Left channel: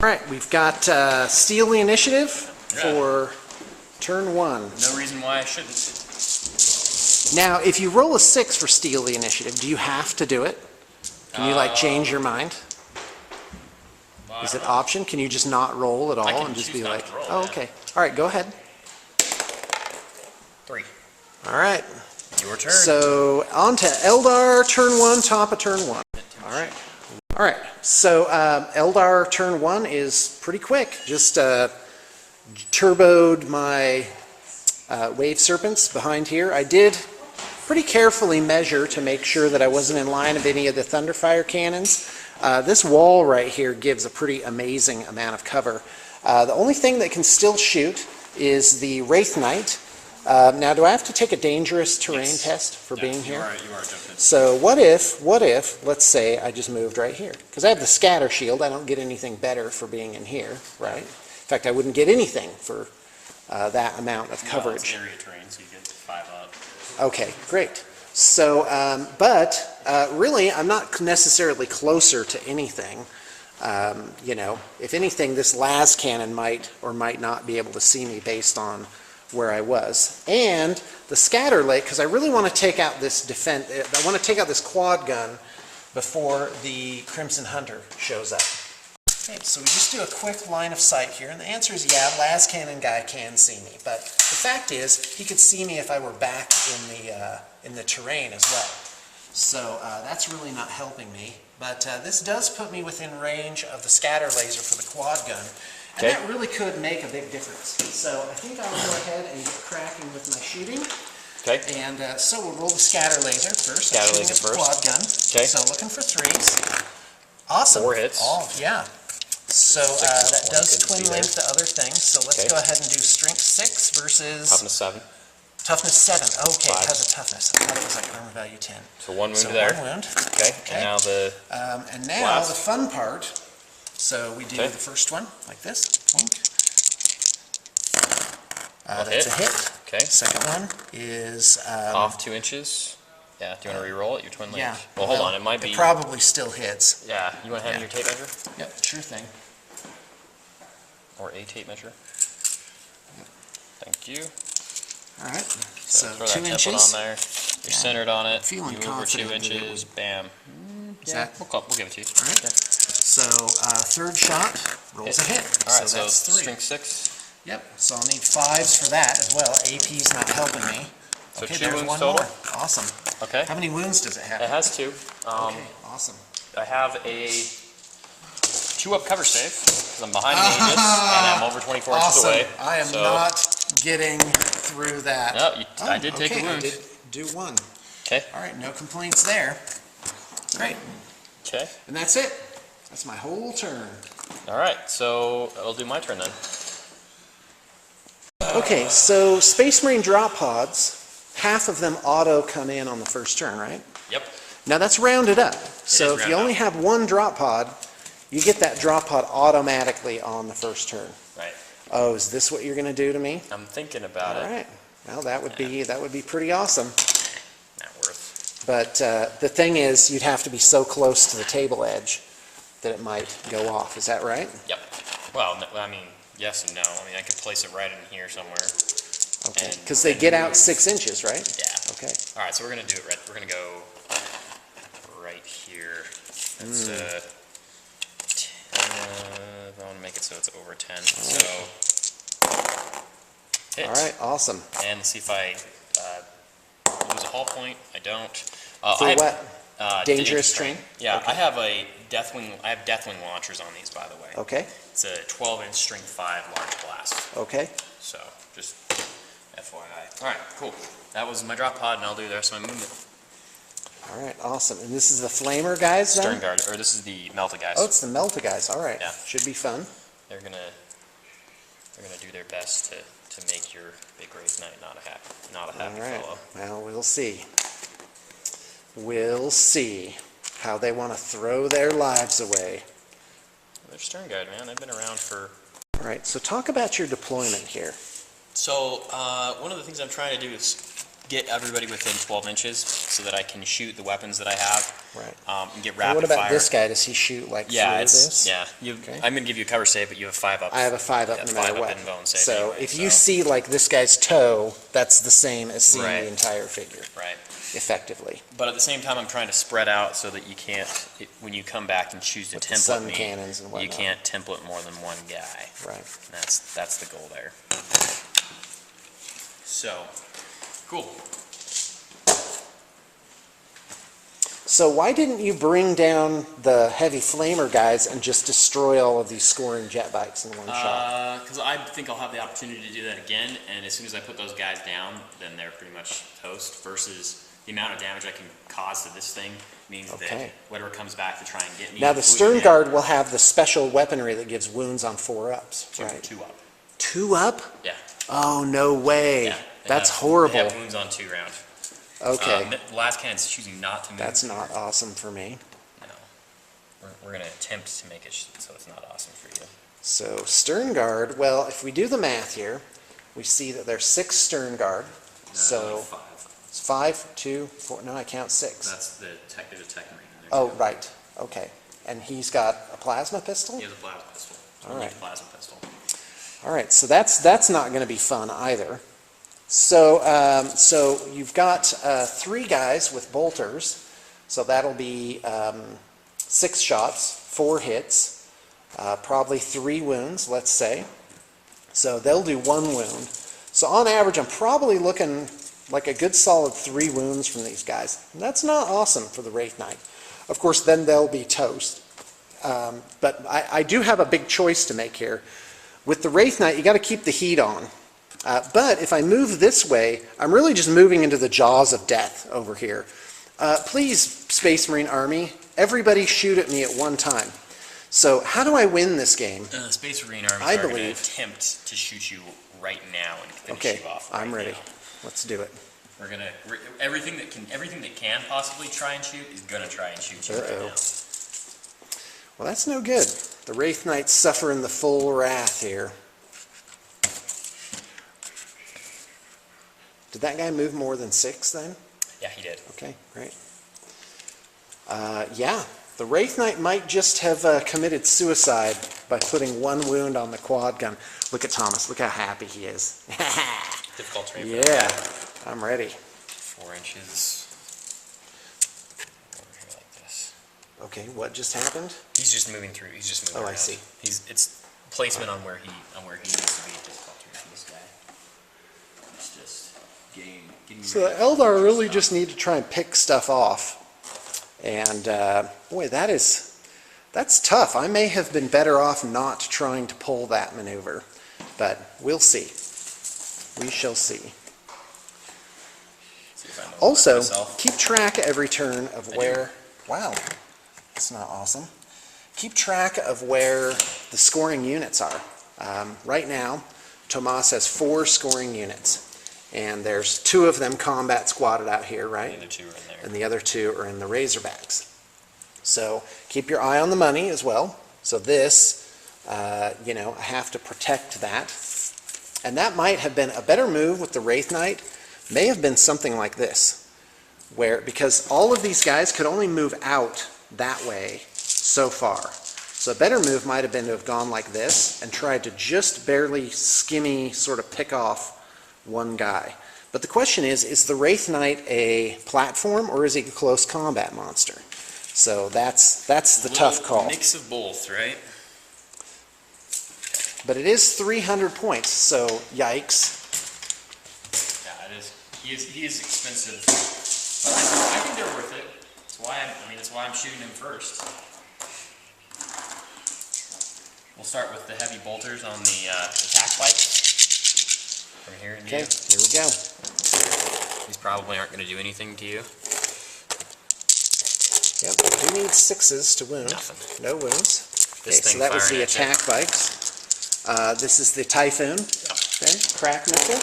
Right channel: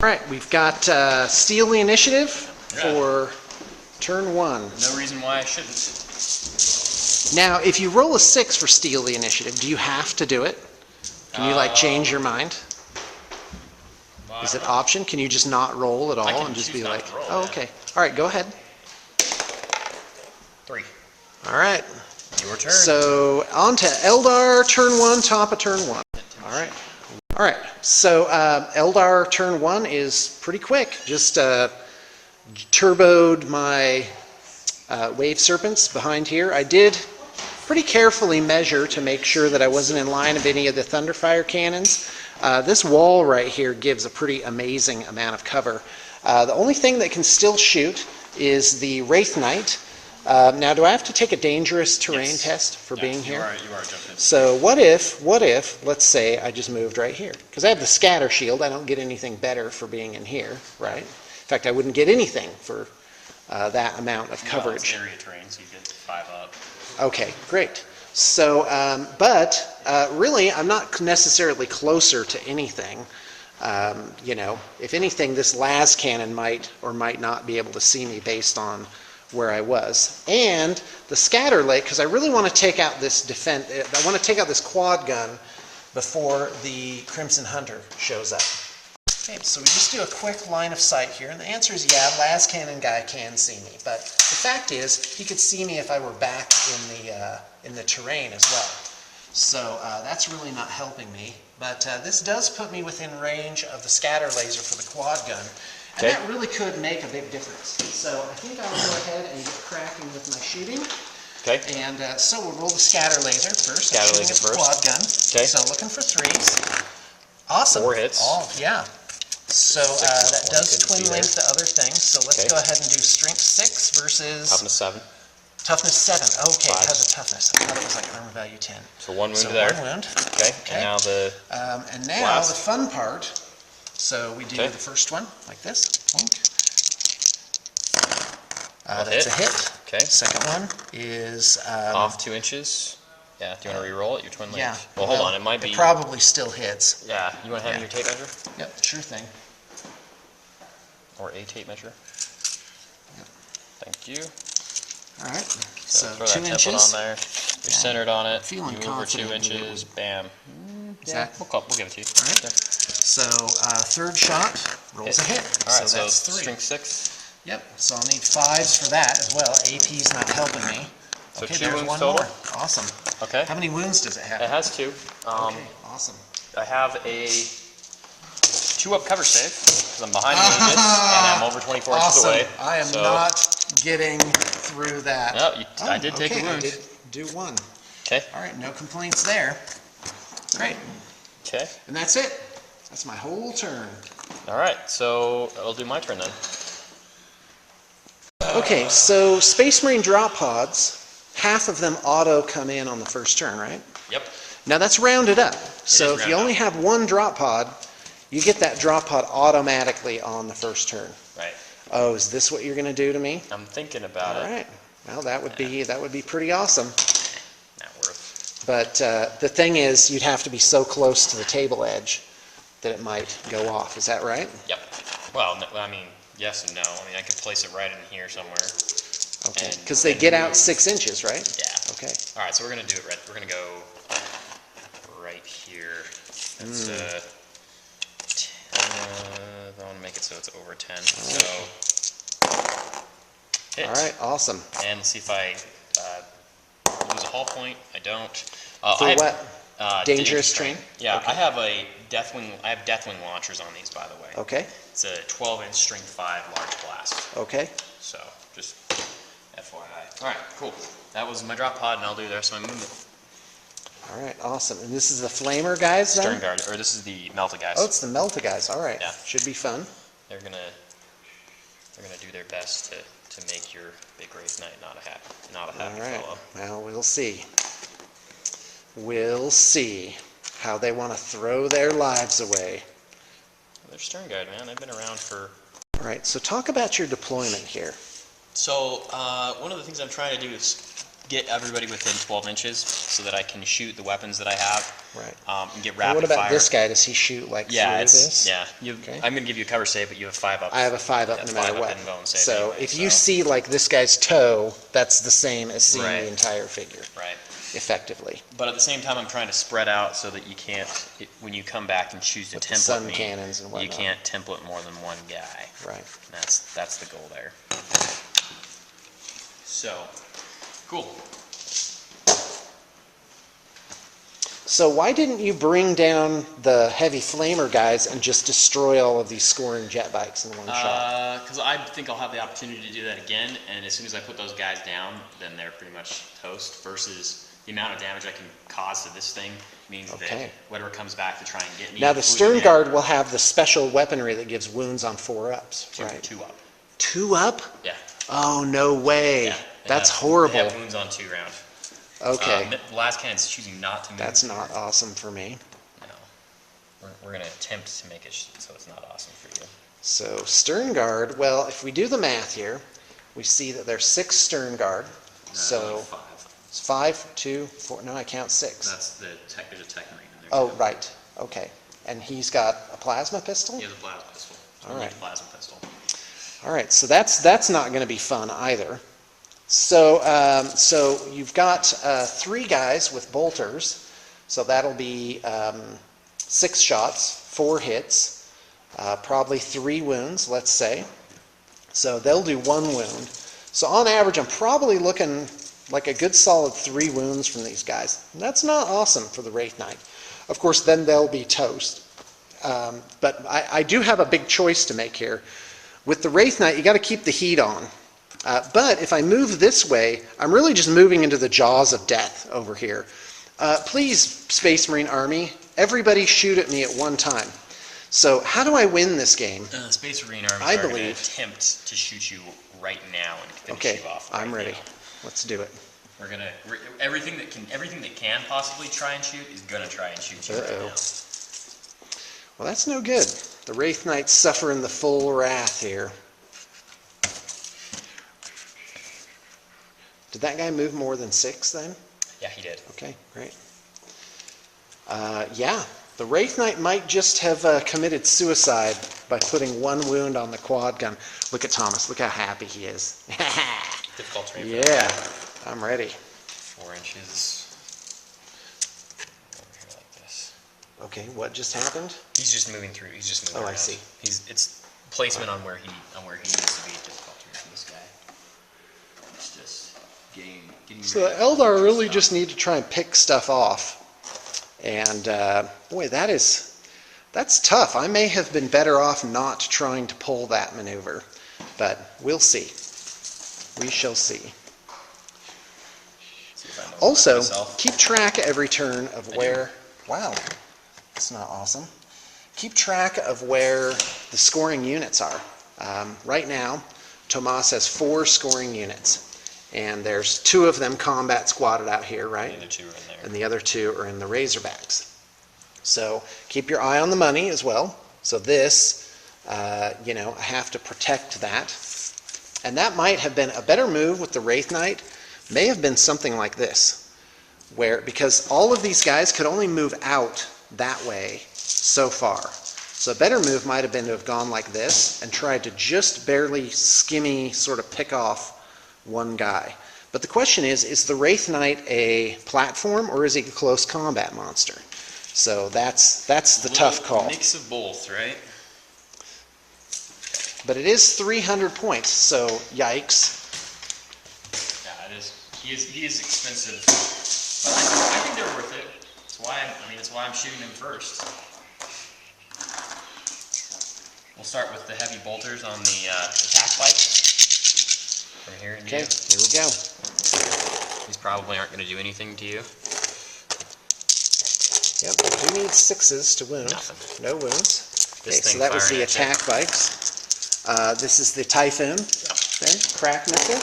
All right, we've got steal the initiative for turn 1. No reason why I shouldn't. Now, if you roll a 6 for steal the initiative, do you have to do it? Can you like change your mind? Is it option? Can you just not roll at all and just be like, roll, oh, okay. All right, go ahead. 3. All right. Your turn. So on to Eldar, turn 1, top of turn 1. All right. All right, so Eldar turn 1 is pretty quick. Just turboed my wave serpents behind here. I did pretty carefully measure to make sure that I wasn't in line of any of the Thunderfire cannons. This wall right here gives a pretty amazing amount of cover. The only thing that can still shoot is the Wraith Knight. Now, do I have to take a dangerous terrain test for being here? You are jumping. So what if, let's say I just moved right here? Because I have the scatter shield, I don't get anything better for being in here, right? In fact, I wouldn't get anything for that amount of coverage. It's area terrain, so you get 5 up. Okay, great. So, really, I'm not necessarily closer to anything. You know, if anything, this las cannon might or might not be able to see me based on where I was. And the scatter lake, because I really want to take out this I want to take out this quad gun before the Crimson Hunter shows up. Okay, so we just do a quick line of sight here, and the answer is yeah, las cannon guy can see me, but the fact is he could see me if I were back in the terrain as well. So that's really not helping me, but this does put me within range of the scatter laser for the quad gun. And that really could make a big difference. So I think I'll go ahead and get cracking with my shooting. Okay. And so we'll roll the scatter laser first. Scatter laser first. Quad gun. Okay. So looking for 3s. Awesome. 4 hits. Oh, yeah. So that does twin link the other things. So let's go ahead and do strength 6 versus toughness 7. Toughness 7. Okay, 5. it has a toughness. I thought it was like armor value 10. So 1 wound there. 1 wound. Okay. And now the the fun part. So we do the first one like this. That's a hit. Okay. Second one is off 2 inches. Yeah. Do you want to re-roll it? Your twin link. Yeah. Well, hold on. It might be. It probably still hits. Yeah. You want to hand me your tape measure? Yep. Sure thing. Or a tape measure. Yep. Thank you. All right. So throw 2 that inches. template on there. You're centered on it. Feeling you over 2 confident that it inches. was- Bam. Is Yeah. that We'll give it to you. all right? So third shot rolls a hit. All right. So that's 3. Strength 6. Yep. So I'll need 5s for that as well. AP's not helping me. So Okay, 2 there's wounds 1 total. more. Awesome. Okay. How many wounds does it have? It has 2. Okay. Awesome. I have a 2-up cover save because I'm behind the aegis and I'm over 24 inches away. I am not getting through that. No, I did take a wound. I did do 1. Okay. All right, no complaints there. Great. Okay. And that's it. That's my whole turn. All right. So I'll do my turn then. Okay, so Space Marine drop pods, half of them auto come in on the first turn, right? Yep. Now that's rounded up. So if you rounded only up. have 1 drop pod, you get that drop pod automatically on the first turn. Right. Oh, is this what you're going to do to me? I'm thinking about All it. right. Well, that would be pretty awesome. Not worth. But the thing is, you'd have to be so close to the table edge that it might go off. Is that right? Yep. Well, no, I mean, yes and no. I mean, I could place it right in here somewhere. Okay. Because they get out 6 inches, right? Yeah. Okay. All right. So we're gonna do it right. We're gonna go right here. That's I want to make it so it's over 10. So hit. All right. Awesome. And see if I lose a hull point. I don't. For what? Dangerous terrain. terrain? Yeah, Okay. I have a Deathwing. I have Deathwing launchers on these, by the way. Okay. It's a 12-inch strength 5 large blast. Okay. So just FYI. All right, cool. That was my drop pod, and I'll do the rest of my movement. All right. Awesome. And this is the flamer guys then? Stern guard, or this is the melted guys. Oh, it's the Melta guys. All right. Yeah. Should be fun. They're gonna do their best to make your big race night not a happy All right. fellow. Well, we'll see. We'll see how they want to throw their lives away. They're stern guard, man. They've been around for. All right. So talk about your deployment here. So one of the things I'm trying to do is get everybody within 12 inches so that I can shoot the weapons that I have. Right. And get And rapid what about fire. this guy? Does he shoot like Yeah, through it's this? yeah. Okay. I'm gonna give you a cover save, but you have 5 up. I have a 5 up Yeah, no 5 matter up what. in bone save So anyway, if you so- see like this guy's toe, that's the same as seeing Right. the entire figure, Right. effectively. But at the same time, I'm trying to spread out so that you can't, when you come back and choose to With the template sun me, cannons and you whatnot. can't template more than one guy. Right. And that's the goal there. So, cool. So why didn't you bring down the heavy flamer guys and just destroy all of these scoring jet bikes in one shot? Because I think I'll have the opportunity to do that again, and as soon as I put those guys down, then they're pretty much toast, versus the amount of damage I can cause to this thing means that Okay. whatever comes back to try and get me... Now the including stern him, guard will have the special weaponry that gives wounds on 4-ups, right? 2 up. 2 up? Yeah. Oh, no way. Yeah. That's They horrible. have wounds on 2 round. Okay, The last cannon's choosing not to move. that's not awesome for me. No. We're going to attempt to make it so it's not awesome for you. So stern guard, well, if we do the math here, we see that there's 6 stern guard. So 5. it's 5, 2, 4, no, I count 6. That's the tech, there's a tech marine in there. Oh, too. right, okay. And he's got a plasma pistol? He has a plasma pistol. So All we need right. a plasma pistol. All right, so that's not going to be fun either. So so you've got 3 guys with bolters, so that'll be 6 shots, 4 hits, probably 3 wounds, let's say. So they'll do 1 wound. So on average, I'm probably looking like a good solid 3 wounds from these guys. And that's not awesome for the Wraith Knight. Of course, then they'll be toast. But I do have a big choice to make here. With the Wraith Knight, you got to keep the heat on. But if I move this way, I'm really just moving into the jaws of death over here. Please, Space Marine Army, everybody shoot at me at one time. So how do I win this game? Space Marine Army I are going to believe- attempt to shoot you right now and finish Okay, you off. I'm right ready. now. Let's do it. We're gonna everything that can possibly try and shoot is gonna try and shoot you right Uh-oh. now. Well, that's no good. The Wraith Knight's suffering the full wrath here. Did that guy move more than 6 then? Yeah, he did. Okay, great. Yeah, the Wraith Knight might just have committed suicide by putting 1 wound on the quad gun. Look at Thomas. Look how happy he is. Difficult terrain. for Yeah, that. I'm ready. 4 inches. Over here like this. Okay, what just happened? He's just moving through. He's just moving Oh, around. I see. It's placement on where he needs to be. Difficult terrain for this guy. It's just getting. So the Eldar really just need to try and pick stuff off. And boy, that's tough. I may have been better off not trying to pull that maneuver, but we'll see. We shall see. See if I know Also, myself. keep track every turn of where, wow, that's not awesome. Keep track of where the scoring units are. Right now, Tomas has 4 scoring units, and there's 2 of them combat squatted out here, right? The other 2 are in there. And the other 2 are in the Razorbacks. So keep your eye on the money as well. So this, I have to protect that. And that might have been a better move with the Wraith Knight, may have been something like this, because all of these guys could only move out that way so far. So a better move might have been to have gone like this and tried to just barely skimmy sort of pick off 1 guy. But the question is the Wraith Knight a platform or is he a close combat monster? So that's the tough call. Mix of both, right? But it is 300 points, so yikes. Yeah, it is. He is expensive, but I think they're worth it. That's why I'm shooting them first. We'll start with the heavy bolters on the attack bike. From here in Okay, here we go. These probably aren't going to do anything to you. Yep, we do need 6s to wound. Nothing. No wounds. Okay, This so thing that was firing the at you. attack bikes. This is the Typhoon. Then crack missile.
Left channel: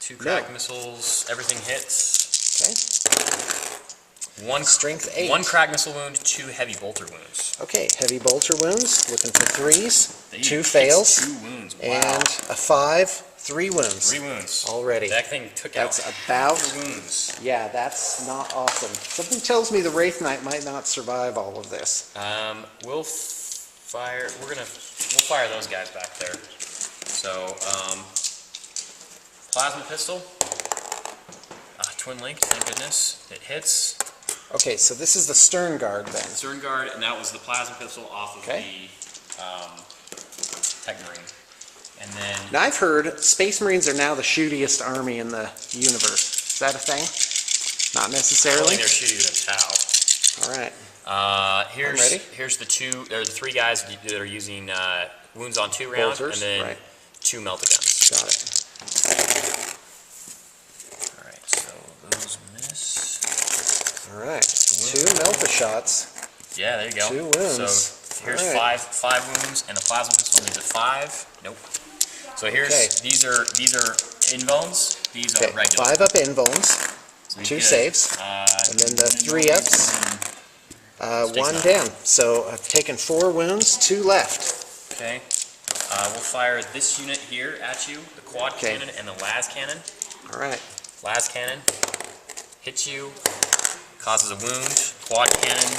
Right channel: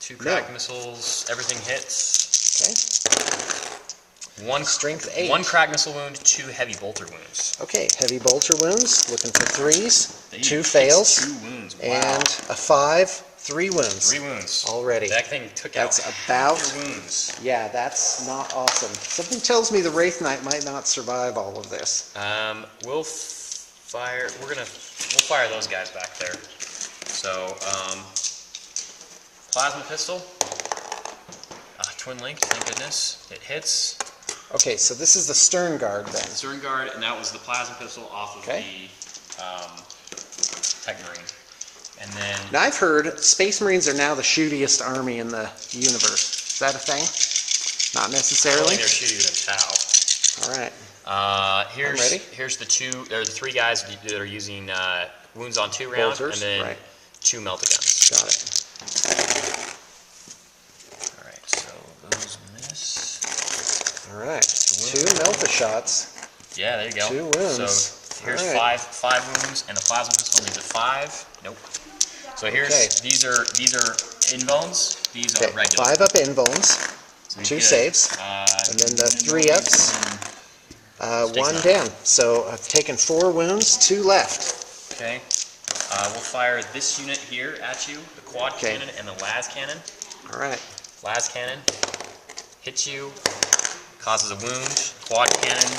2 crack missiles, everything hits. Okay. 1 Strength 8. 1 crack missile wound, 2 heavy bolter wounds. Okay, heavy bolter wounds. Looking for 3s. They 2 hits fails. 2 wounds. Wow. And a 5 3 wounds. 3 wounds. Already. That thing took That's out about, your wounds. yeah, that's not awesome. Something tells me the Wraith Knight might not survive all of this. We'll fire those guys back there. So, plasma pistol. Twin link, thank goodness. It hits. Okay, so this is the Stern Guard then. Stern guard, and that was the plasma pistol off of the Tech Marine. And then Now I've heard Space Marines are now the shootiest army in the universe. Is that a thing? Not necessarily? they're shooting with a All right. tau. ready. Here's the 3 guys that are using wounds on 2 rounds, Bolters, and then right. 2 melt-a-guns. Got it. All right, so those miss. All right. 2 Melta-shots. Yeah, there you go. 2 wounds. So here's All right. five wounds, and the plasma pistol needs a 5. Nope. So here's these are invones. These are Okay, regular. 5 up invones, So you 2 get, saves, and then the 3 ups, 1 down. So I've taken 4 wounds, 2 left. Okay. We'll fire this unit here at you, the quad cannon and the las cannon. All right. Las cannon hits you, causes a wound. Quad cannon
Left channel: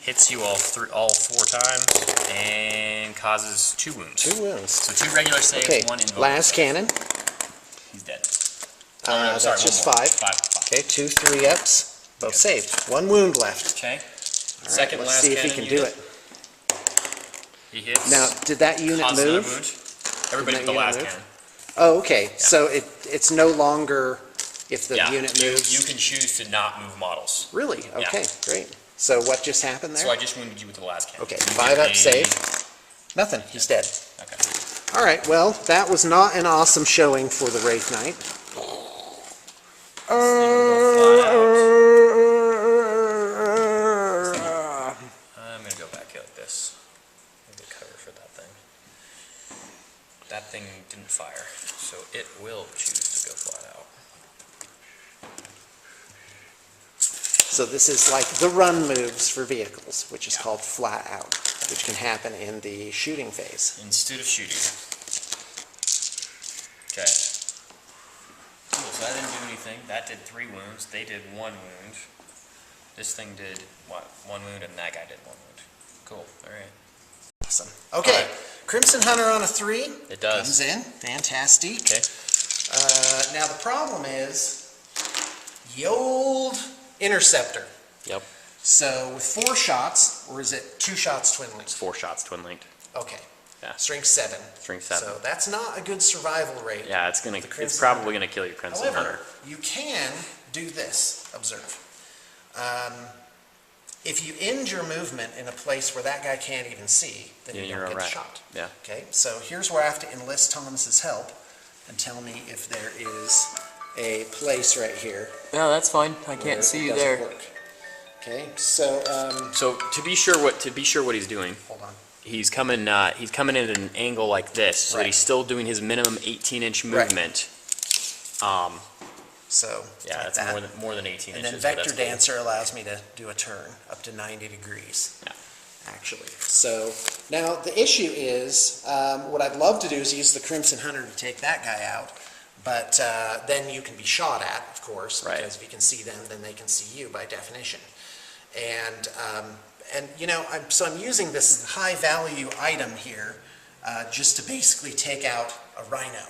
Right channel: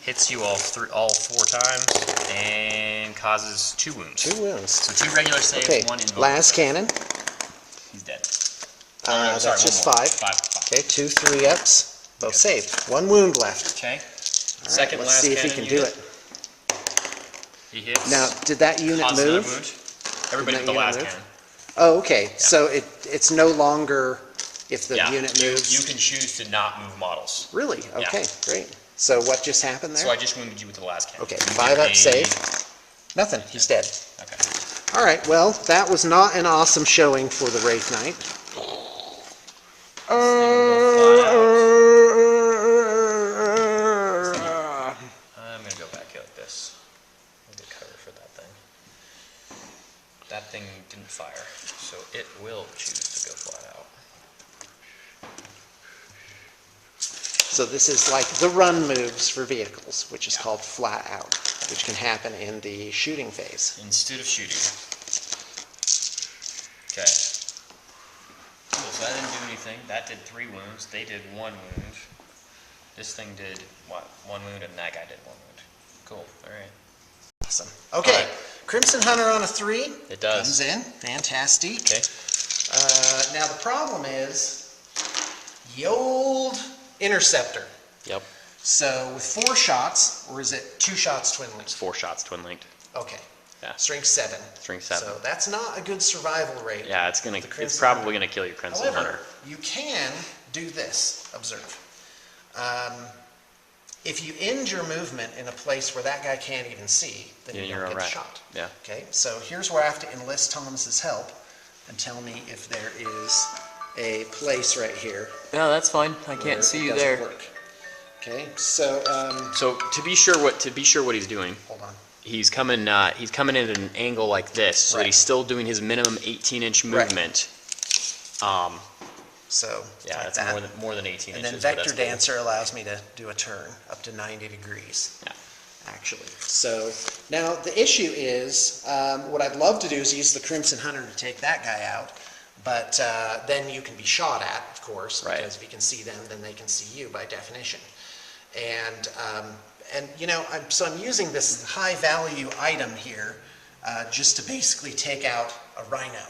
hits you all 4 times and causes 2 wounds. 2 wounds. So 2 regular saves, Okay, 1 invoke. last cannon. He's dead. That's sorry, just one more. 5. 5. Okay, 2 3 ups, both saved. 1 wound left. Okay. All right, Second let's last see if he cannon can do unit. it. He hits. Now, did that unit causes another move? wound. Everybody Did but the that last unit cannon. Oh, okay. So it's no longer if the Yeah. unit moves. You can choose to not move models. Really? Okay, great. So what just happened there? So I just wounded you with the last cannon. Okay, You 5 get up save. Nothing. He's dead. Okay. All right. Well, that was not an awesome showing for the Wraith Knight. This thing will go flat out. I'm gonna go back like this. I'll get cover for that thing. That thing didn't fire, so it will choose to go flat out. So this is like the run moves for vehicles, which is called flat out, which can happen in the shooting phase. Instead of shooting. Okay. Cool, so that didn't do anything. That did 3 wounds. They did 1 wound. This thing did, what, 1 wound, and that guy did 1 wound. Cool, alright. Awesome. Okay, All right. Crimson Hunter on a 3. It does. Comes in. Fantastic. Okay. Now the problem is the old Interceptor. Yep. So with 4 shots, or is it 2 shots twin It's linked? 4 shots twin linked. Okay. Yeah. Strength 7. Strength 7. So that's not a good survival rate. Yeah, it's The Crimson it's probably Hunter. gonna kill your Crimson However, Hunter. you can do this. Observe. If you end your movement in a place where that guy can't even see, then Yeah, you you're don't get the alright. shot. Yeah. Okay, so here's where I have to enlist Thomas's help and tell me if there is a place right here. No, that's fine. I where can't it see you doesn't there. work. Okay, so So to be sure what he's doing, hold on. he's coming in at an angle like this, so that Right. he's still doing his minimum 18-inch Right. movement. So Yeah, like that's that. more than 18 And inches. then but Vector that's cool. Dancer allows me to do a turn up to 90 degrees. Yeah. Actually. So now the issue is, what I'd love to do is use the Crimson Hunter to take that guy out, but then you can be shot at, of course, Right. because if you can see them, then they can see you by definition. And you know, I'm using this high value item here just to basically take out a rhino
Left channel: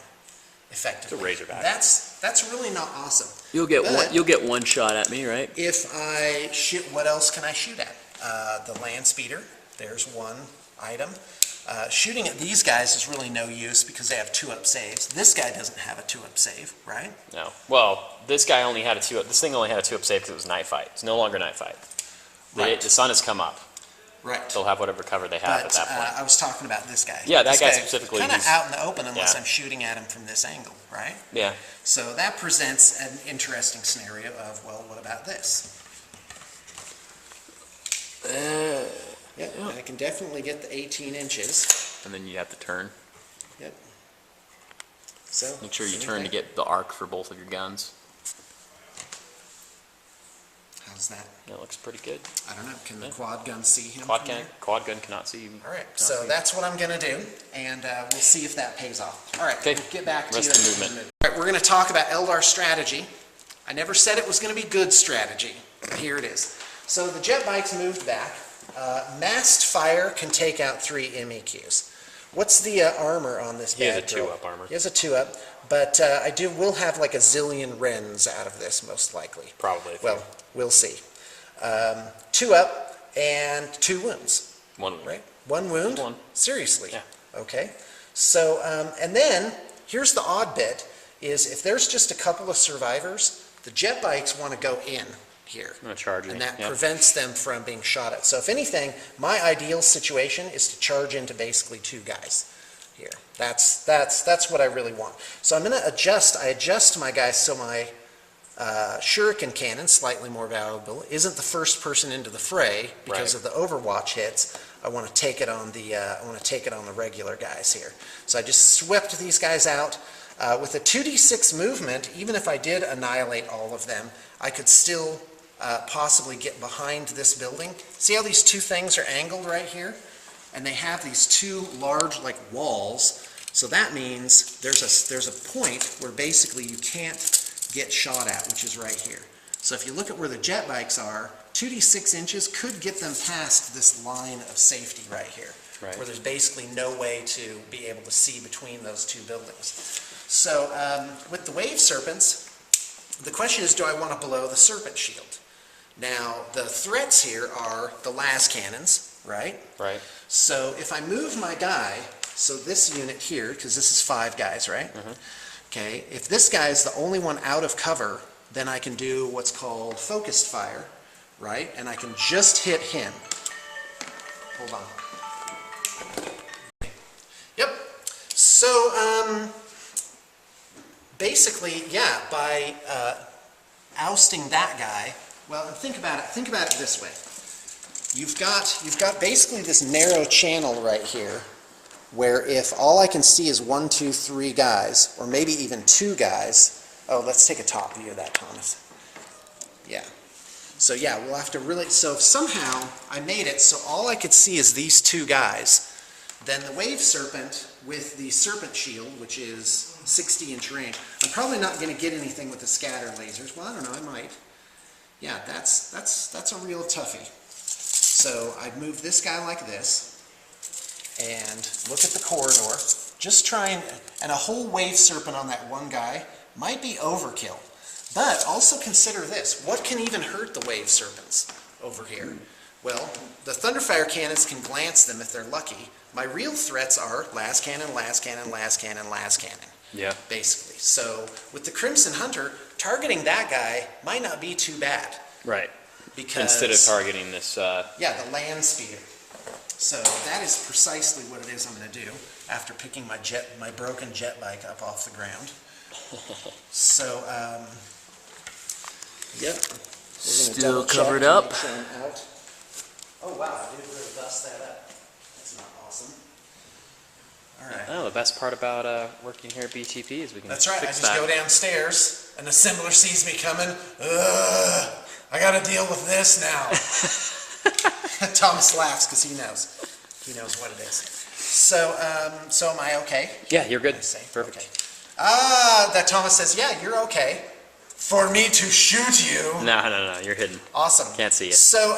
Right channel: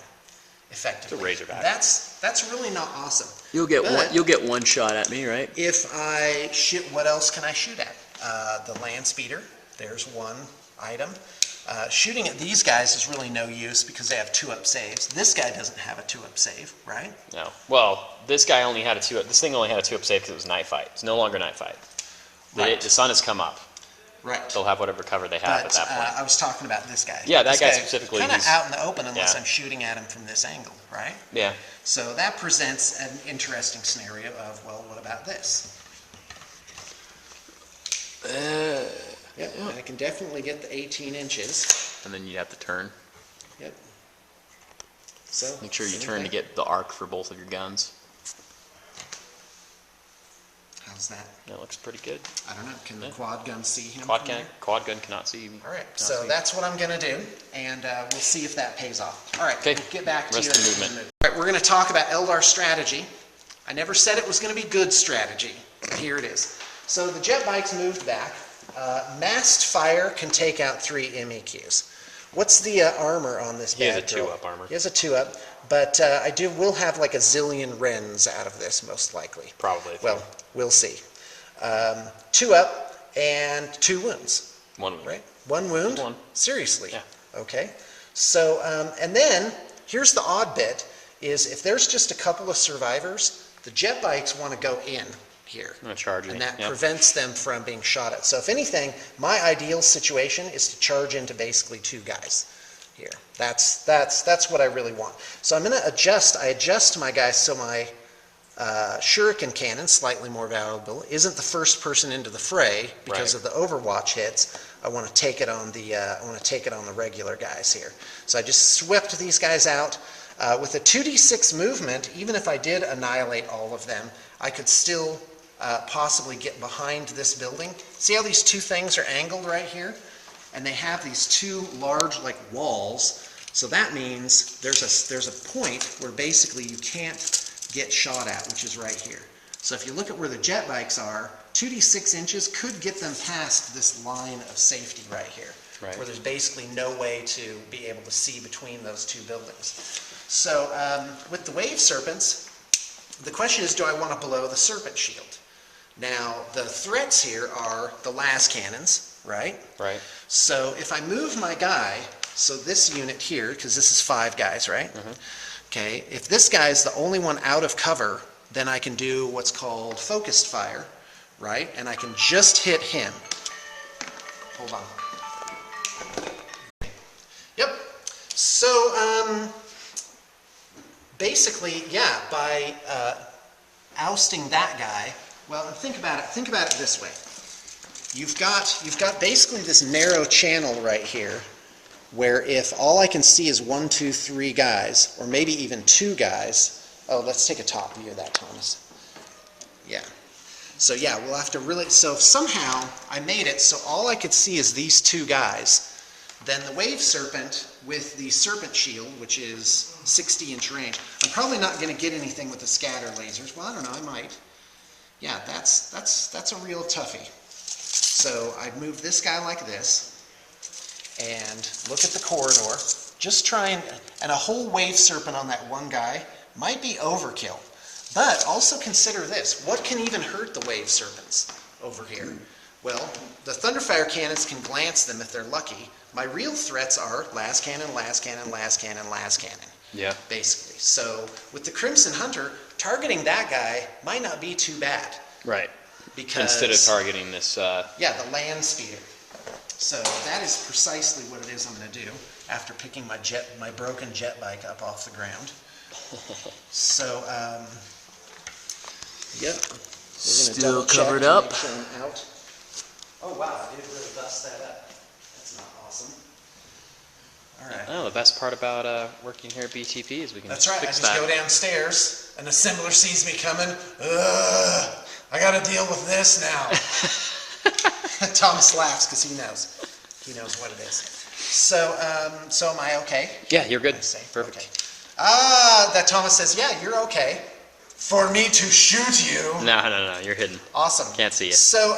effectively. It's a Razorback. That's really not awesome. You'll get But- one shot at me, right? If I shoot, what else can I shoot at? The land speeder, there's one item. Shooting at these guys is really no use because they have 2-up saves. This guy doesn't have a 2-up save, right? No. Well, this guy only had a 2-up. This thing only had a 2-up save because it was night fight. It's no longer night fight. Right. The sun has come up. Right. They'll have whatever cover they have at But that point. I was talking about this guy. Yeah, that This guy specifically, kind of he's- out in the open unless yeah. I'm shooting at him from this angle, right? Yeah. So that presents an interesting scenario of, well, what about this? Yep, I can definitely get the 18 inches. And then you have to turn. Yep. So Make sure you same turn to thing. get the arc for both of your guns. How's that? That looks pretty good. I don't know, can the quad gun see him? Quad from gun, there? quad gun cannot see. All right, so that's what I'm gonna do, and we'll see if that pays off. All right, Okay, we'll get back to rest you. of the movement. All right, we're gonna talk about Eldar strategy. I never said it was gonna be good strategy, but here it is. So the jet bike's moved back. Masked fire can take out 3 MEQs. What's the armor on this He has bad a girl? 2-up armor. He has a 2-up, but I will have like a zillion rens out of this, most likely. Probably. Well, we'll see. 2-up and 2 wounds. 1 wound. Right? 1 wound? 1. Seriously? Yeah. Okay. So, and then, here's the odd bit, is if there's just a couple of survivors, the jet bikes want to go in here. I'm gonna charge And it. that Yep. prevents them from being shot at. So if anything, my ideal situation is to charge into basically 2 guys here. That's what I really want. So I'm gonna I adjust my guys so my shuriken cannon, slightly more valuable, isn't the first person into the fray because Right. of the Overwatch hits. I want to take it on the regular guys here. So I just swept these guys out. With a 2d6 movement, even if I did annihilate all of them, I could still possibly get behind this building. See how these 2 things are angled right here? And they have these 2 large like walls. So that means there's a point where basically you can't get shot at, which is right here. So if you look at where the jet bikes are, 2d6 inches could get them past this line of safety right here, Right. where there's basically no way to be able to see between those 2 buildings. So with the wave serpents, the question is, do I want to blow the serpent shield? Now, the threats here are the las cannons, right? Right. So if I move my guy, so this unit here, because this is 5 guys, right? Okay, if this guy is the only one out of cover, then I can do what's called focused fire, right? And I can just hit him. Hold on. Yep. So, basically, yeah, by ousting that guy, well, think about it this way. You've got basically this narrow channel right here, where if all I can see is 1, 2, 3 guys, or maybe even 2 guys. Oh, let's take a top view of that, Thomas. Yeah. So yeah, we'll have to really, so if somehow I made it so all I could see is these 2 guys, then the wave serpent with the serpent shield, which is 60-inch range, I'm probably not going to get anything with the scatter lasers. Well, I don't know, I might. Yeah, that's a real toughie. So I'd move this guy like this, and look at the corridor. Just try and a whole wave serpent on that one guy might be overkill. But also consider this. What can even hurt the wave serpents over here? Well, the Thunderfire cannons can glance them if they're lucky. My real threats are las cannon, las cannon, las cannon, las cannon. Yeah. Basically. So with the Crimson Hunter, targeting that guy might not be too bad. Right. Because instead of targeting this. Yeah, the land speeder. So that is precisely what it is I'm going to do after picking my broken jet bike up off the ground. So, yep. Still covered up. Oh wow, I didn't really bust that up. That's not awesome. All right. Oh, the best part about working here at BTP is we can That's right. I fix just that. go downstairs, an assembler sees me coming. Ugh, I got to deal with this now. Thomas laughs because he knows. He knows what it is. So, so am I okay? Yeah, you're good. I say. Perfect. Okay. That Thomas says, yeah, you're okay. For me to shoot you. No, you're hidden. Awesome. Can't see you. So,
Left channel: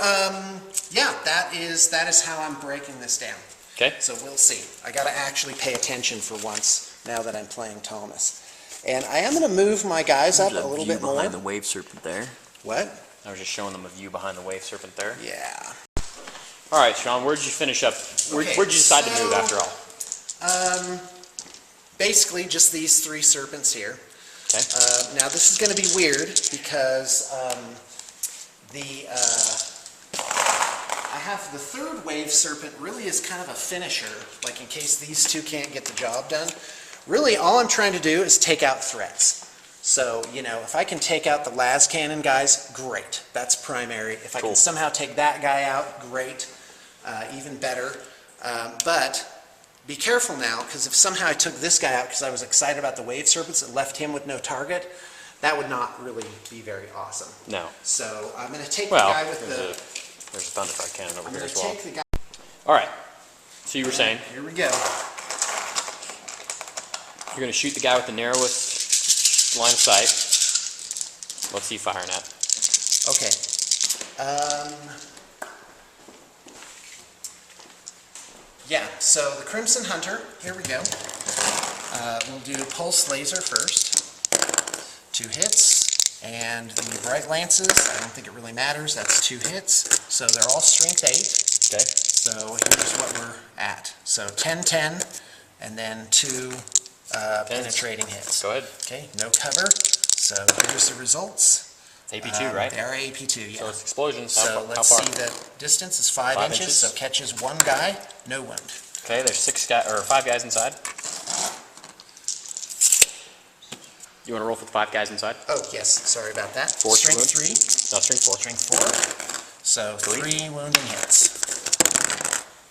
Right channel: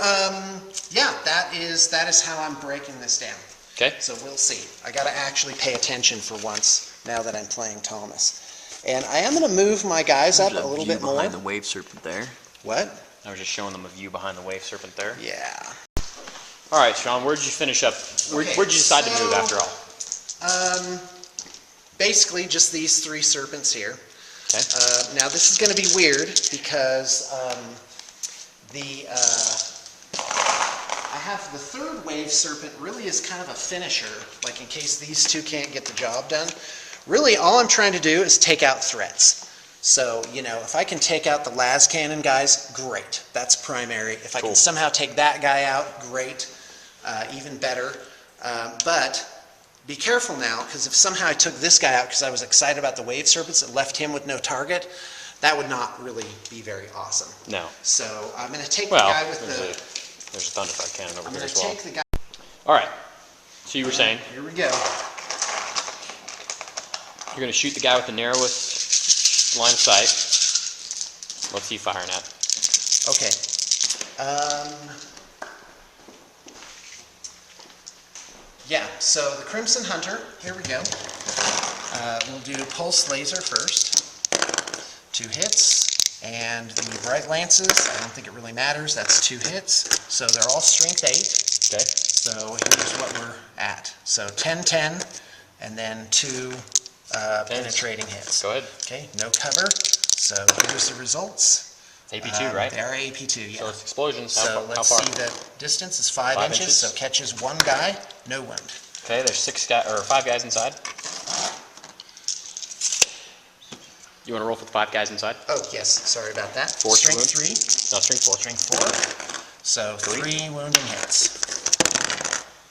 yeah, that is how I'm breaking this down. Okay. So we'll see. I got to actually pay attention for once now that I'm playing Thomas. And I am going to move my guys up a There's little view bit more. behind the wave serpent there. What? I was just showing them a view behind the wave serpent there. Yeah. All right, Sean, where'd you finish up? Where'd you decide to move after all? Basically, just these 3 serpents here. Okay. Now, this is going to be weird because I have the 3rd wave serpent really is kind of a finisher, like in case these 2 can't get the job done. Really, all I'm trying to do is take out threats. So, you know, if I can take out the las cannon guys, great. That's primary. If I can somehow take that guy out, great. Even better. But be careful now, because if somehow I took this guy out because I was excited about the wave serpents and left him with no target, that would not really be very awesome. No. So I'm going to take Well, the guy with there's a thunderfire cannon over I'm here going as to well. take the guy. All right. So you were saying Here we go. you're going to shoot the guy with the narrowest line of sight. What's he firing at? Okay. Yeah, so the Crimson Hunter, here we go. We'll do Pulse Laser first. 2 hits. And the Bright Lances, I don't think it really matters, that's 2 hits. So they're all strength 8. Okay. So here's what we're at. So 10-10, and then 2 penetrating hits. Go ahead. Okay, no cover. So here's the results. It's AP2, right? They are AP2, yeah. So it's explosions. So How let's far? see, the distance is 5 5 inches, inches? so catches 1 guy, no wound. Okay, there's 5 guys inside. You want to roll for the 5 guys inside? Oh, yes, sorry about that. Force Strength wound? 3, No, strength 4. strength 4. So 3 wounding hits.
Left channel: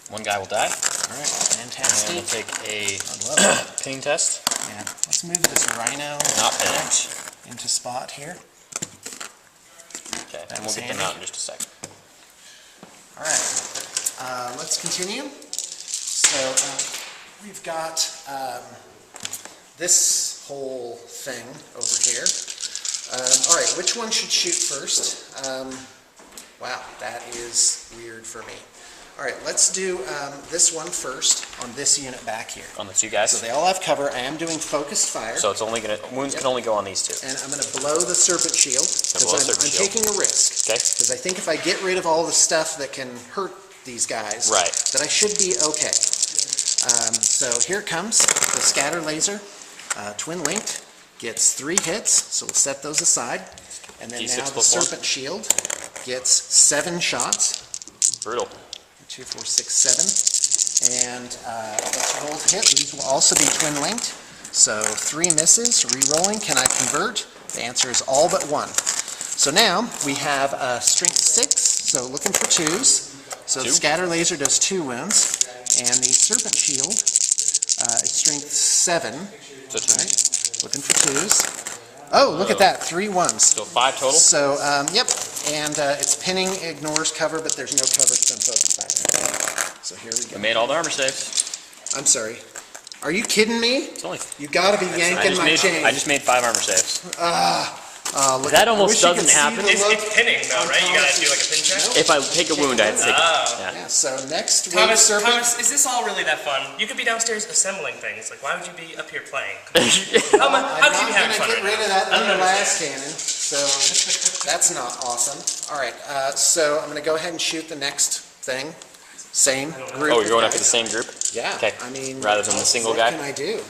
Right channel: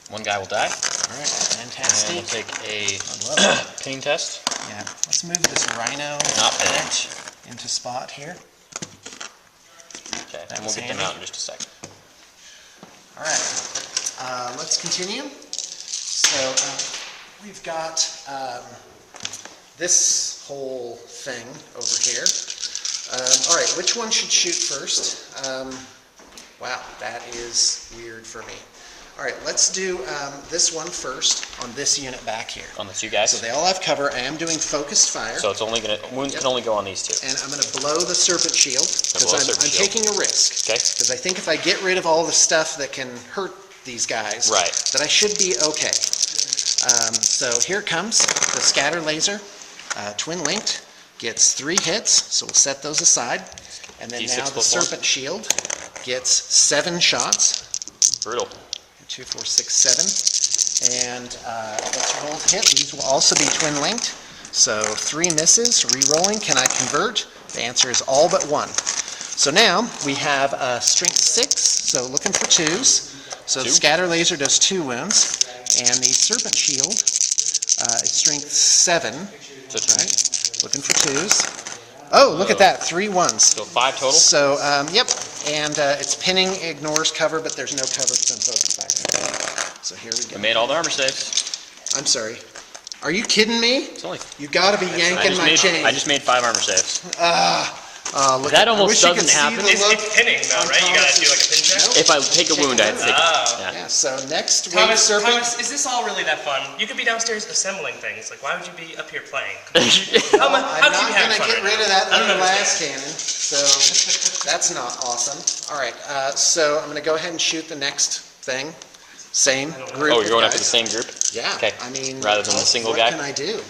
1 guy will die. All right, And fantastic. we'll take a I love it. ping test. Yeah, let's move this rhino Not bad. back into spot here. Okay, That and was we'll get them handy. out in just a second. All right, let's continue. So we've got this whole thing over here. All right, which one should shoot first? Wow, that is weird for me. All right, let's do this one first on this unit back here. On the 2 guys. So they all have cover. I am doing focused fire. So it's only gonna wounds can only go on these 2. And I'm going to blow the serpent shield blow because serpent I'm shield. taking a risk. Okay. Because I think if I get rid of all the stuff that can hurt these guys, Right. that I should be okay. So here it comes, the scatter laser, twin linked, gets 3 hits, so we'll set those aside. And then D6 now the plus 1. serpent shield gets 7 shots. Brutal. 2, 4, 6, 7. And that's a gold hit. These will also be twin linked. So 3 misses, re-rolling. Can I convert? The answer is all but 1. So now we have strength 6, so looking for 2s. So the 2. scatter laser does 2 wounds. And the serpent shield is strength 7. So 2. Right? Looking for 2s. Oh, look at that, 3 1s. So 5 total. So, yep, and it's pinning, ignores cover, but there's no cover, so I'm focused back. So here we We go. made all the armor saves. I'm sorry. Are you kidding me? It's only. You gotta be yanking my chain. I just made 5 armor saves. Look, That I almost wish you could doesn't see happen. the It's look pinning though, on right? You gotta do Thomas's- like a pin check? Nope. If I take a wound, I had to take. Oh. Yeah. Yeah, so next wave Thomas, serpent. Thomas, is this all really that fun? You could be downstairs assembling things. Like, why would you be up here playing? How could you be I'm having not fun gonna get right rid now? of that I don't other last understand. cannon, so that's not awesome. All right, so I'm gonna go ahead and shoot the next thing. Same group. Oh, of you're going after guys. the same group? Yeah. Okay. I mean, Rather than the single what guy? can I do?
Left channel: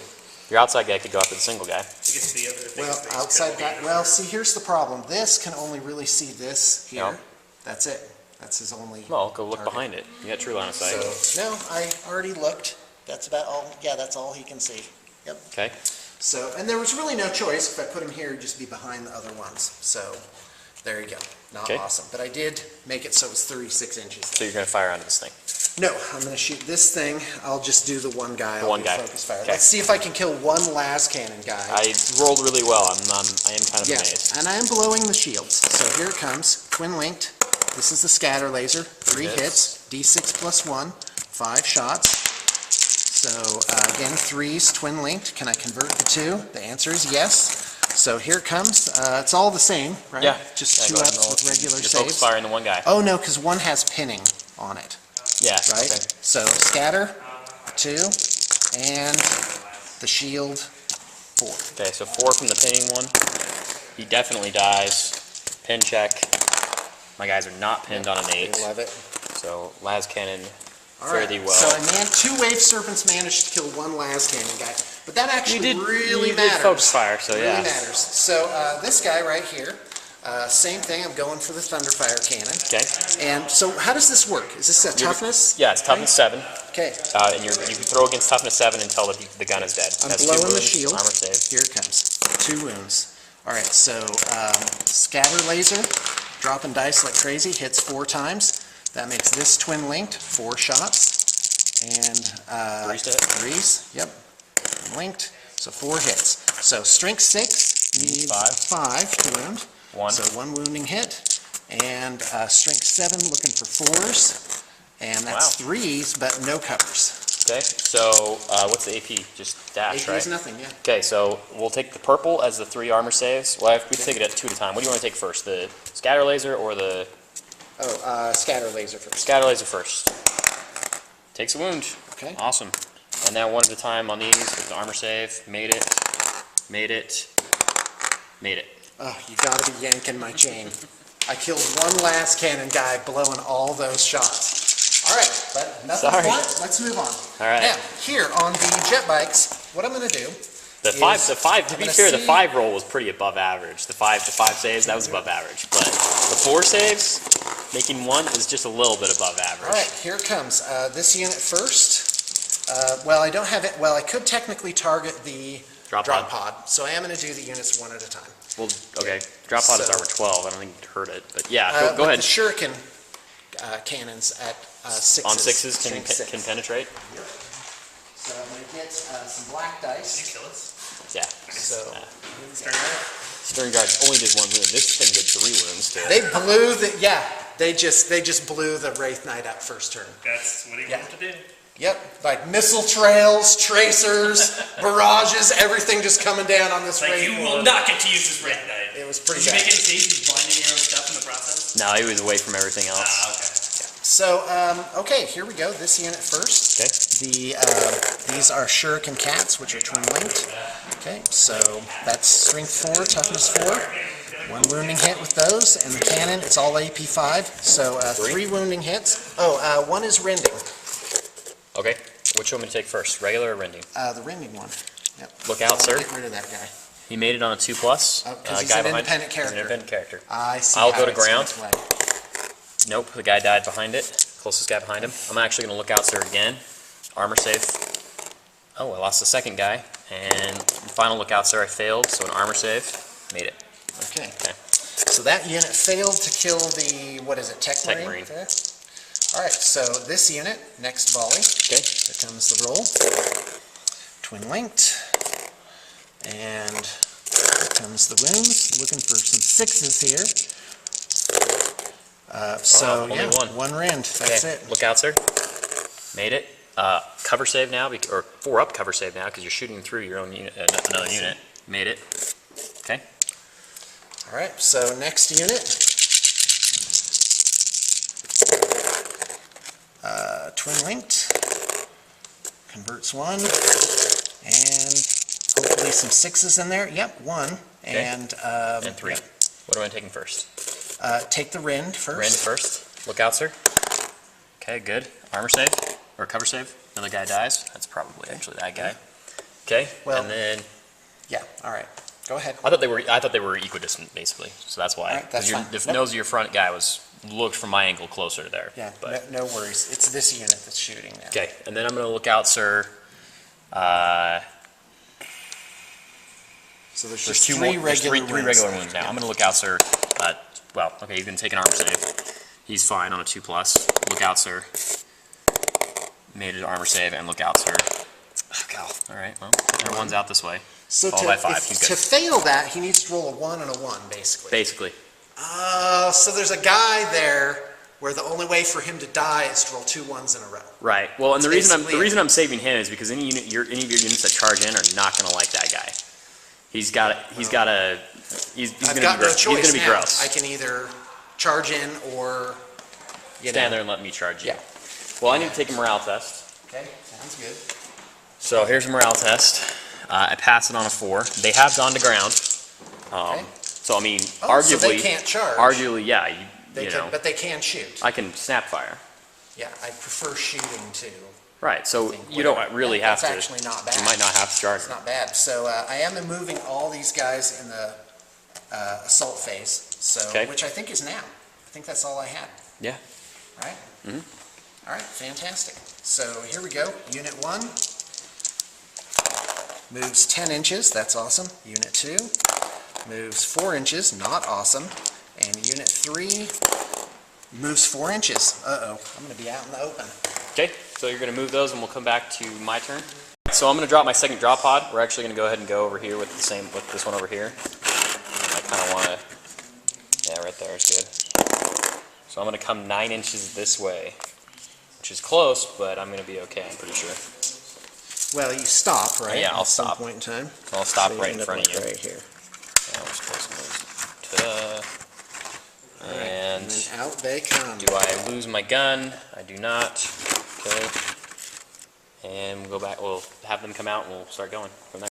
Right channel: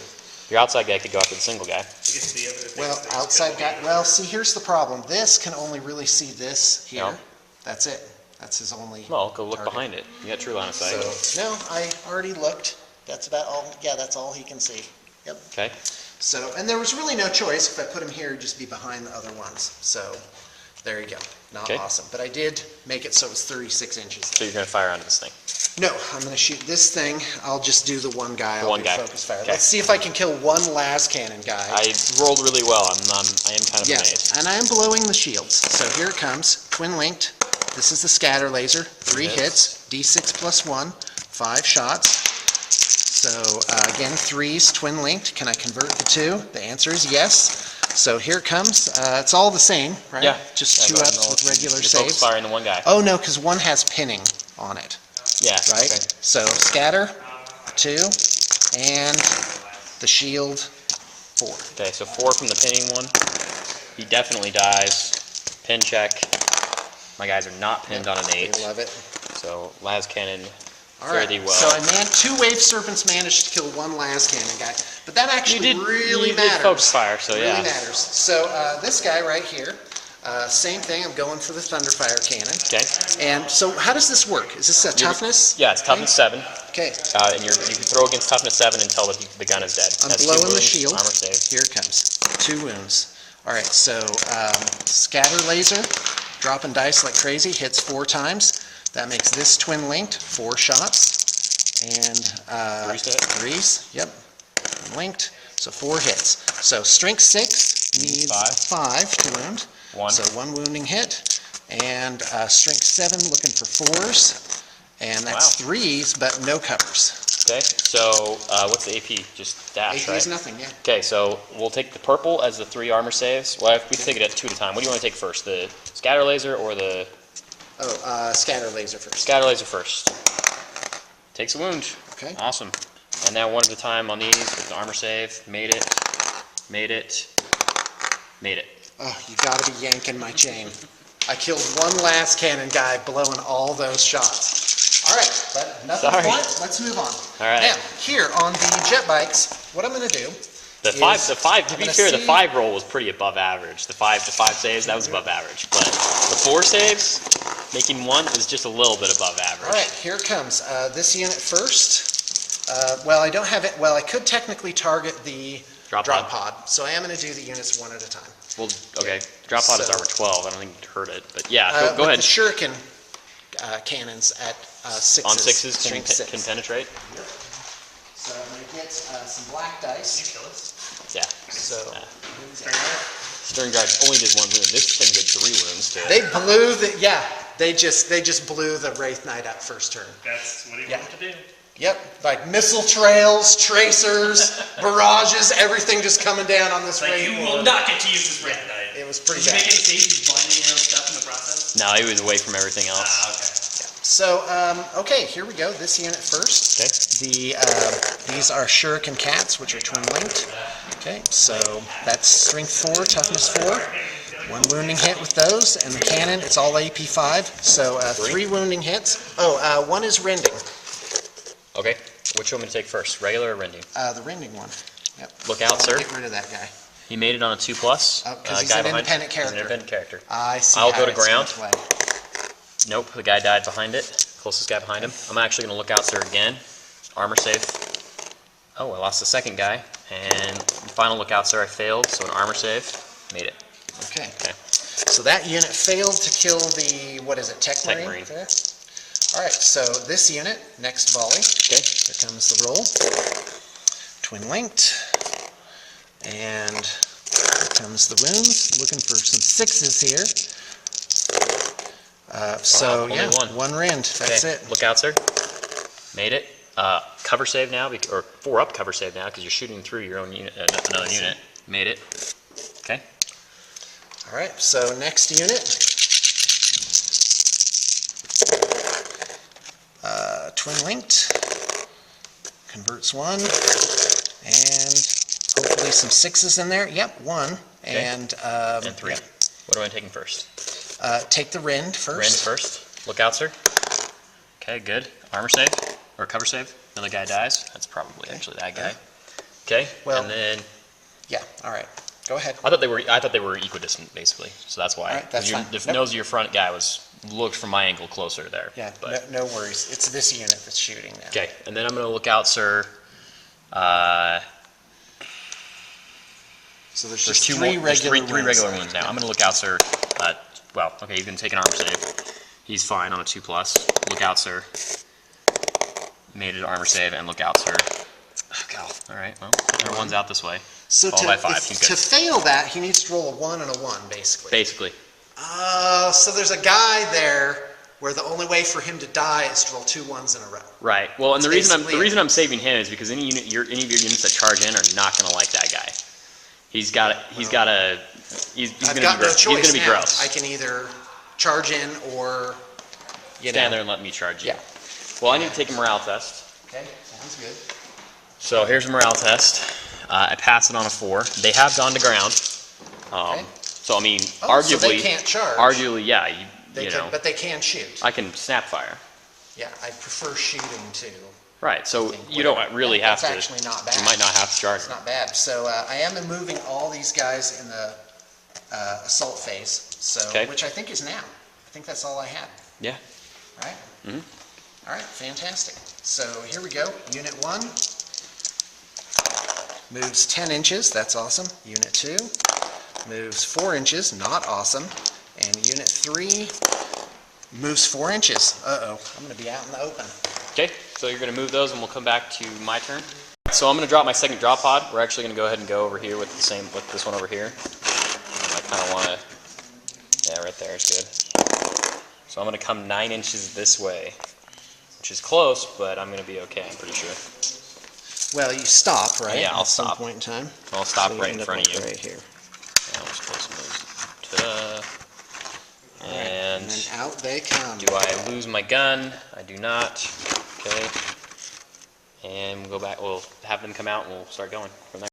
Your outside guy could go after the single guy. I guess the other thing Well, is outside guy, well, see, here's the problem. This can only really see this here. Yeah. That's it. That's his only. Well, go look target. behind it. You got true line of sight. So, no, I already looked. That's about all, yeah, that's all he can see. Yep. Okay. So, and there was really no choice. If I put him here, he'd just be behind the other ones. So, there you go. Not Okay. awesome. But I did make it so it's 36 inches. So you're gonna fire onto this thing. No, I'm going to shoot this thing. I'll just do the one guy. The I'll one do guy. Focus fire. Okay. Let's see if I can kill one las cannon guy. I rolled really well. I am kind of Yeah, amazed. and I am blowing the shields. So here it comes, twin linked. This is the scatter laser, 3 hits, D6 plus 1, 5 shots. So again, 3s, twin linked. Can I convert the 2? The answer is yes. So here it comes. It's all the same, right? Yeah. Just Yeah, 2 go ahead and ups roll with it. regular You're focus saves. firing the one guy. Oh no, because 1 has pinning on it, Yeah. right? Okay. So scatter, 2, and the shield, 4. Okay. So 4 from the pinning one. He definitely dies. Pin check. My guys are not pinned on an 8. I love it. So las cannon. All Fare right, thee well. so I 2 wave serpents managed to kill 1 las cannon guy, but that actually really you did matters. focus fire, so really yeah. matters. So this guy right here, same thing. I'm going for the thunderfire cannon. Okay. And so how does this work? Is this a toughness? Yeah, it's toughness 7. Okay, And you can throw against toughness 7 until the gun is dead. I'm Has 2 blowing the wounds, shield. Armor save. Here it comes. 2 wounds. All right, so scatter laser, dropping dice like crazy, hits 4 times. That makes this twin linked, 4 shots. And 3s to hit. 3s, yep, linked, so 4 hits. So strength 6, needs Five. 5 to wound. One. So 1 wounding hit. And strength 7, looking for 4s. And that's Wow. 3s, but no covers. Okay, so what's the AP? Just dash, AP right? is nothing, yeah. Okay, so we'll take the purple as the 3 armor saves. Well, we take it at 2 at a time. What do you want to take first? The scatter laser or the Scatter laser first. scatter laser first? Takes a wound. Okay. Awesome. And now 1 at a time on these with the armor save. Made it. Made it. Made it. Oh, you gotta be yanking my chain. I killed one last cannon guy blowing all those shots. All right, but nothing Sorry. more. Let's move on. All right. Now, here on the jet bikes, what I'm gonna do The is five. To I'm be gonna fair, the see- 5 roll was pretty above average. The 5 saves, that was above average. But the 4 saves, making 1 is just a little bit above average. All right, here it comes. This unit first. Well, I don't have it. Well, I could technically target the Drop pod, so I am going to do the units 1 at a time. Well, okay. Drop pod is So- armor 12. I don't think you'd hurt it, but yeah, go With ahead. The shuriken cannons at 6s. On 6s strength can 6. penetrate. So I'm going to get some black dice. Kill it. Yeah. So Stern guard only did 1 wound. This thing did 3 wounds to it. they blew the they just blew the Wraith Knight up first turn. That's what he Yeah. wanted to do. Yep, like missile trails, tracers, barrages, everything just coming down on this Like, Wraith you Lord. will not get to use this Wraith Knight. It was pretty Did you bad. make any saves? You blinding your own stuff in the process? No, he was away from everything else. Ah, okay. So, okay, here we go. This unit first. Okay. These are shuriken cats, which are twin linked. Okay, so that's strength 4, toughness 4. 1 wounding hit with those, and the cannon, it's all AP 5. So 3 wounding hits. Oh, 1 is rending. Okay. Which one to take first? Regular or rending? The rending one. Yep. Look out, sir. Get rid of that guy. He made it on a 2+. Oh, 'cause he's guy an behind. independent He's an character. independent character. I see. I'll how go to it's in ground. its way. Nope, the guy died behind it. Closest guy behind him. I'm actually going to look out, sir, again. Armor save. Oh, I lost the second guy. And final lookout, sir, I failed. So an armor save. Made it. Okay. Okay. So that unit failed to kill the, what is it, Tech Marine? Marine. There. All right, so this unit, next volley. Okay. Here comes the roll. Twin linked. And here comes the wounds. Looking for some 6s here. So, only yeah, one. 1 rend. That's Okay. it. Look out, sir. Made it. Cover save now, or 4 up cover save now, because you're shooting through your own unit, another unit. Made it. Okay. All right, so next unit. Twin linked. Converts 1. And hopefully some 6s in there. Yep, 1. Okay. And 3. yeah. What am I taking first? Take the rend first. Rend first. Look out, sir. Okay, good. Armor save, or cover save. Another guy dies. That's probably actually that guy. Okay, Well- and then Yeah, all right. Go ahead. I thought they were equidistant basically, so that's why. All right, that's 'Cause fine. The Nope. nose of your front guy looked from my angle closer there. Yeah, But no worries. It's this unit that's shooting now. okay, and then I'm gonna look out, sir. So there's There's just 2 three more. There's regular three regular wounds. wounds now. I'm gonna look out, sir. Well, okay, he's gonna take an armor save. He's fine on a 2+. Look out, sir. Made it armor save and look out, sir. Oh, God. All right. Well, everyone's out this way. So Followed by 5. He's to good. fail that, he needs to roll a 1 and a 1, basically. Basically. So there's a guy there where the only way for him to die is to roll 2 1s in a row. Right. Well, and the That's reason basically I'm I'm saving him is because any of your units that charge in are not gonna like that guy. He's gonna I've be got no gross. choice He's gonna be now. gross. I can either charge in or, Stand there and let me charge you. Yeah. Well, I need to take a morale test. Okay, sounds good. So here's a morale test. I pass it on a 4. They have gone to ground. Okay. So I mean, Oh, arguably, so they can't charge. Arguably, yeah. They You can, know, but they can shoot. I can snap fire. Yeah, I prefer shooting too. Right. So think you don't really have that's to. actually not bad. You might not have to charge. It's not bad. So I am moving all these guys in the assault phase. So Okay. which I think is now. I think that's all I had. Yeah. Right? Mm-hmm. All right, fantastic. So here we go. Unit 1 moves 10 inches. That's awesome. Unit 2 moves 4 inches. Not awesome. And Unit 3 moves 4 inches. Uh-oh. I'm going to be out in the open. Okay. So you're gonna move those, and we'll come back to my turn. So I'm going to drop my second drop pod. We're actually going to go ahead and go over here with this one over here. I kind of want to, yeah, right there is good. So I'm going to come 9 inches this way, which is close, but I'm going to be okay, I'm pretty sure. Well, you stop, right? Yeah, I'll At some stop. point in time. So I'll stop So right in end up front of like you. Right here. Yeah, I'll just close those. Ta-da. And And then out they come. do I lose my gun? I do not. Okay. And we'll go back, we'll have them come out and we'll start going from there.